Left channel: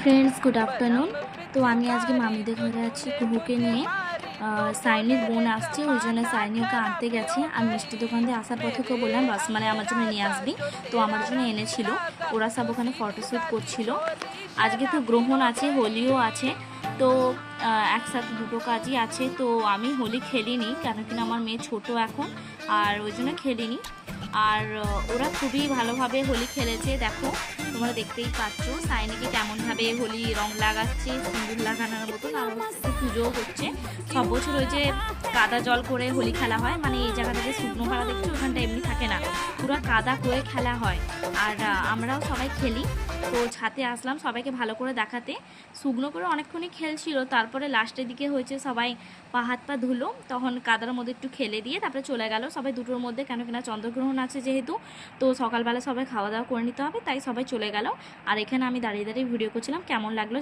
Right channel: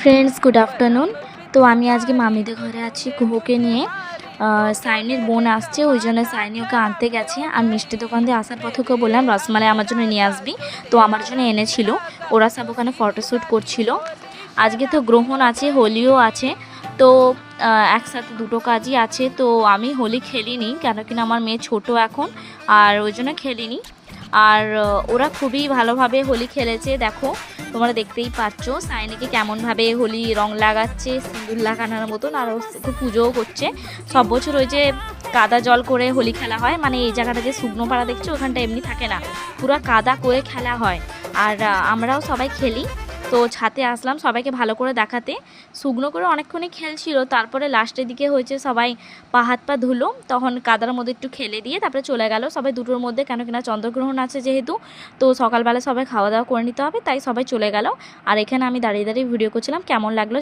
Friends, good afternoon. তো আমি আজকে মামিদের ঘরে আছি কুহুকে নিয়ে। সাইনির বোন আসছে, ওই জন্য সাইনি ওকে আনতে গেছে। আর মিষ্টি দোকান দিয়ে আসার পথে ওকে বললাম রসমালাই আমার জন্য নিয়ে আসবি, তো আমার জন্য এনেছিল। ওরা সব ওখানে ফটোশ্যুট করছিল। আজকে তো গ্রহণ আছে, হোলিও আছে, তো একসাথে দুটো কাজই আছে। তো আমি হোলি খেলিনি, কেন কিনা আমার মেয়ে ছোট এখন, আর ওই জন্য খেলিনি। আর ওরা খুবই ভালোভাবে হোলি খেলেছে, দেখো তোমরা দেখতেই পাচ্ছ সাইনিকে কেমনভাবে হোলি রং লাগাচ্ছে, সিঁদুর লাগানোর মতন। আর ও একটু পুজোও করছে। সব বছর ওই যে কাদা জল করে হোলি খেলা হয়, মানে এই জায়গাটা যে শুকনো পাড়া দেখছো ওখানটা এমনি থাকে না, পুরো কাদা করে খেলা হয়। আর আমরাও সবাই খেলি। তো ছাদে আসলাম সবাইকে ভালো করে দেখাতে। শুকনো করে অনেকক্ষণই খেলছিল, তারপরে লাস্টের দিকে হয়েছে সবাই পা হাত পা ধুলো, তখন কাদার মধ্যে একটু খেলে দিয়ে তারপরে চলে গেল সবাই দুটোর মধ্যে, কেন কিনা চন্দ্রগ্রহণ আছে যেহেতু। তো সকালবেলা সবাই খাওয়া দাওয়া করে নিতে হবে, তাই সবাই চলে গেল। আর এখানে আমি দাঁড়িয়ে দাঁড়িয়ে ভিডিও করছিলাম। কেমন লাগলো